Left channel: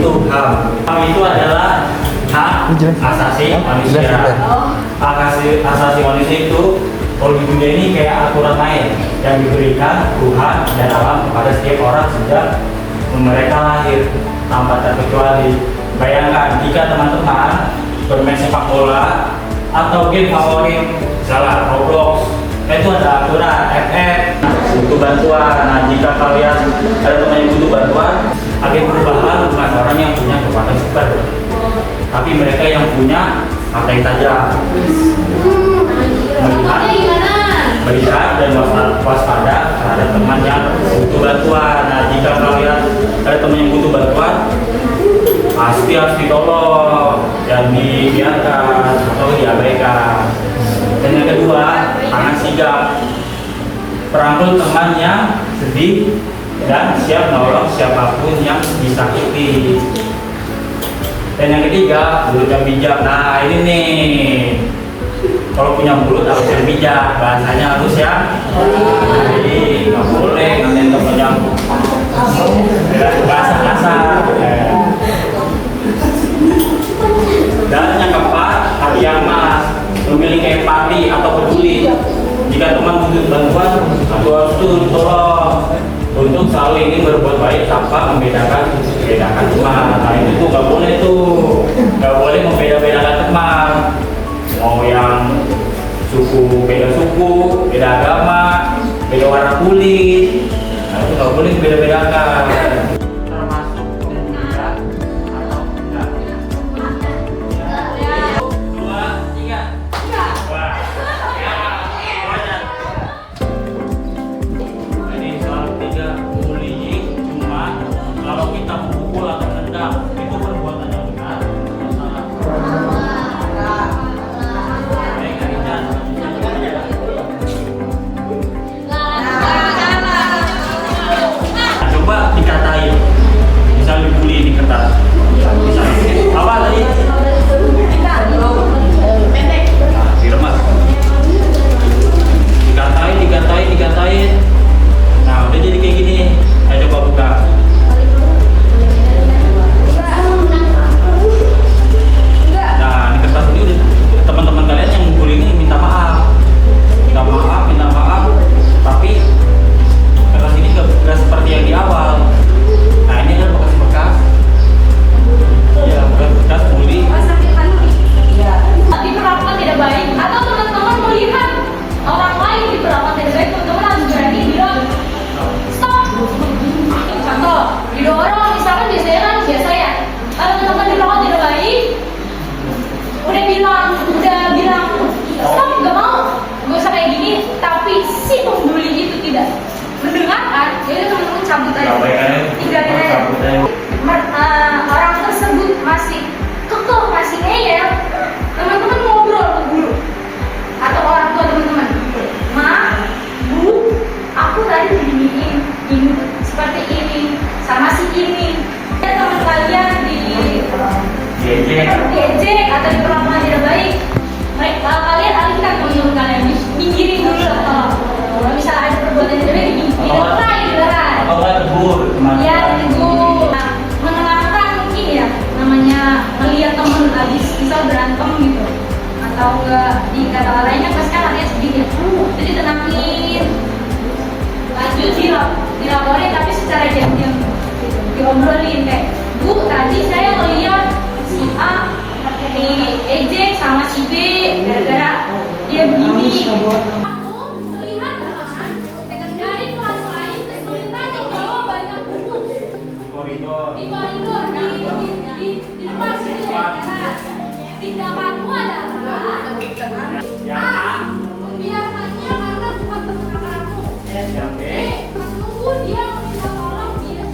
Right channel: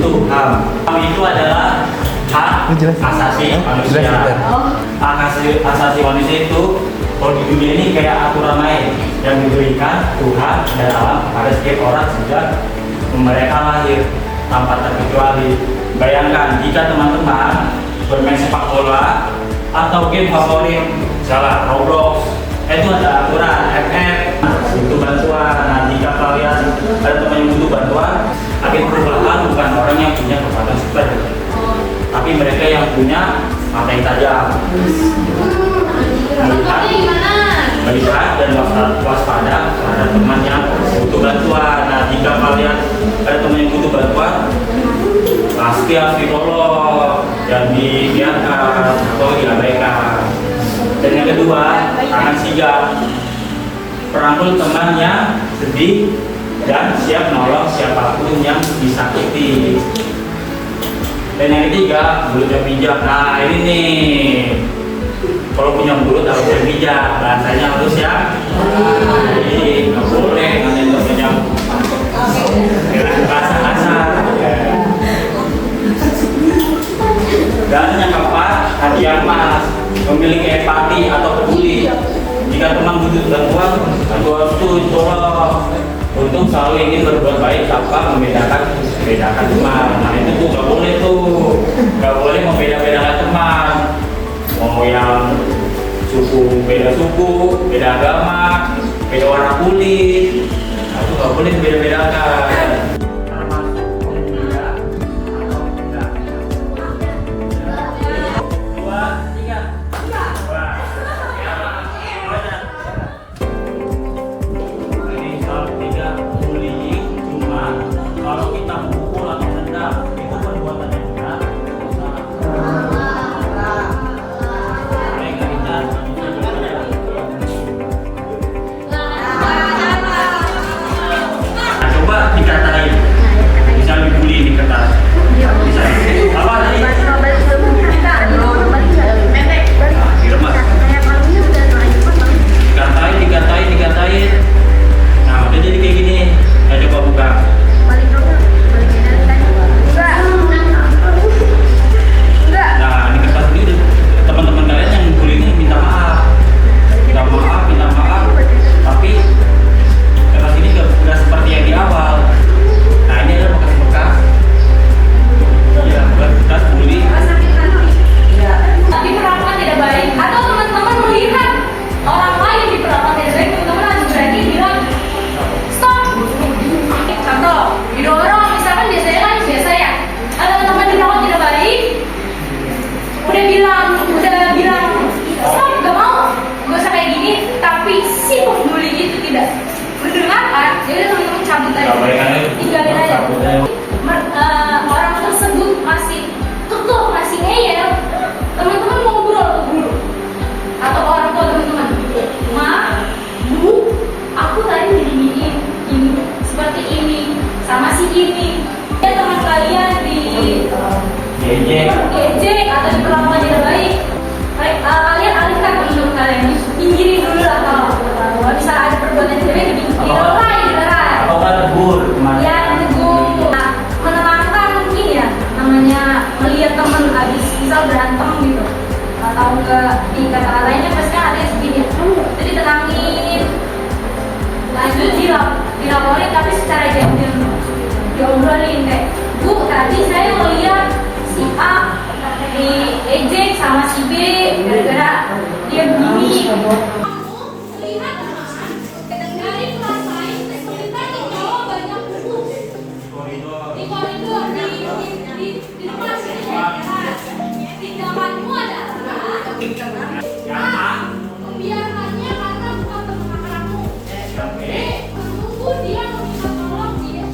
itu HAM. HAM itu adalah hak asasi manusia. Hak asasi manusia itu kalau di dunia ini kayak aturan main yang diberikan Tuhan dan alam kepada setiap orang sejak mereka lahir tanpa terkecuali. Bayangkan jika teman-teman bermain sepak bola atau game favorit, misalnya Roblox, itu ada aturan FF butuh bantuan. Nah, jika kalian ada teman yang butuh bantuan, agen perubahan bukan orang yang punya kekuatan super, tapi mereka yang punya mata yang tajam, melihat dan waspada terhadap teman yang butuh bantuan. Nah, jika kalian ada teman yang butuh bantuan, pasti harus ditolong dan dibiarkan atau diabaikan. Dan yang kedua, tangan sigap, perangkul teman yang sedih dan siap menolong siapapun yang disakiti. Dan yang ketiga, mulut yang bijak. Nah, ini nih, kalau punya mulut harus yang bijak, bahasanya harus ya. Jadi nggak boleh nanti nggak punya bahasa kasar. Dan yang keempat, hati yang emas, memiliki empati atau peduli. Jika teman butuh bantuan itu tolong untuk selalu ingin berbuat baik tanpa membedakan teman. Nah, itu tuh nggak boleh tuh, nggak boleh membeda-bedakan teman. Mau yang beda suku, beda agama, beda warna kulit, nah, itu nggak boleh beda-bedakan. Kalau kita memukul atau menendang, itu perbuatan yang benar. Nah, coba dikatain, bisa dibully di kertas. Bisa. Apa tadi? Nah, diremas. Dikatain. Nah, udah jadi kayak gini. Nah, coba buka. Teman-teman kalian yang bully ini minta maaf, tapi kertas ini nggak seperti yang di awal. Nah, ini adalah bekas-bekas, ya bekas bully. Diperlakukan tidak baik, atau teman-teman melihat orang lain diperlakukan tidak baik, teman-teman harus berani bilang stop. Contoh, didorong, misalkan biasanya kan biasa ya, kalau teman diperlakukan tidak baik, udah bilang stop, gak mau, gak usah kayak gini, tapi si pembuli itu tidak mendengarkan, jadi teman-teman cabut aja, tinggalin aja. Orang tersebut masih kekeh, masih ngeyel, teman-teman ngobrol ke guru atau orang tua teman-teman, Ma, Bu, aku tadi diginiin, ini seperti ini, sama si ini. Ya, teman kalian diejek atau diperlakukan tidak baik, kalian alihkan ke ilmu kalian, pinggirin dulu lah. Kalau misalnya ada perbuatan tidak baik, dipinggirin. Atau tegur, ya tegur. Nah, menenangkan mungkin ya, namanya melihat teman habis misal berantem gitu, atau enggak di kata lainnya pasti kan ada sedih ya. Jadi tenangin, lanjut dilaporin tapi secara diam-diam, diobrolin kayak, Bu, tadi saya melihat si A diejek sama si B gara-gara dia begini. Melihat teman dari kelas lain kesulitan membawa banyak buku di koridor, di kelas ini. Tindakanmu adalah membiarkannya karena bukan teman kamu. B, menunggu dia meminta tolong dia.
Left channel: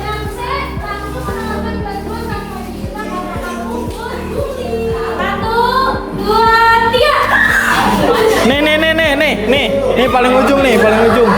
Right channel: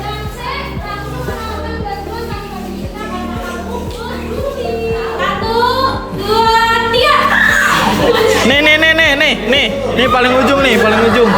Dan C, langsung menawarkan bantuan tanpa diminta karena kamu peduli. 1, 2, 3. Nih paling ujung nih, paling ujung.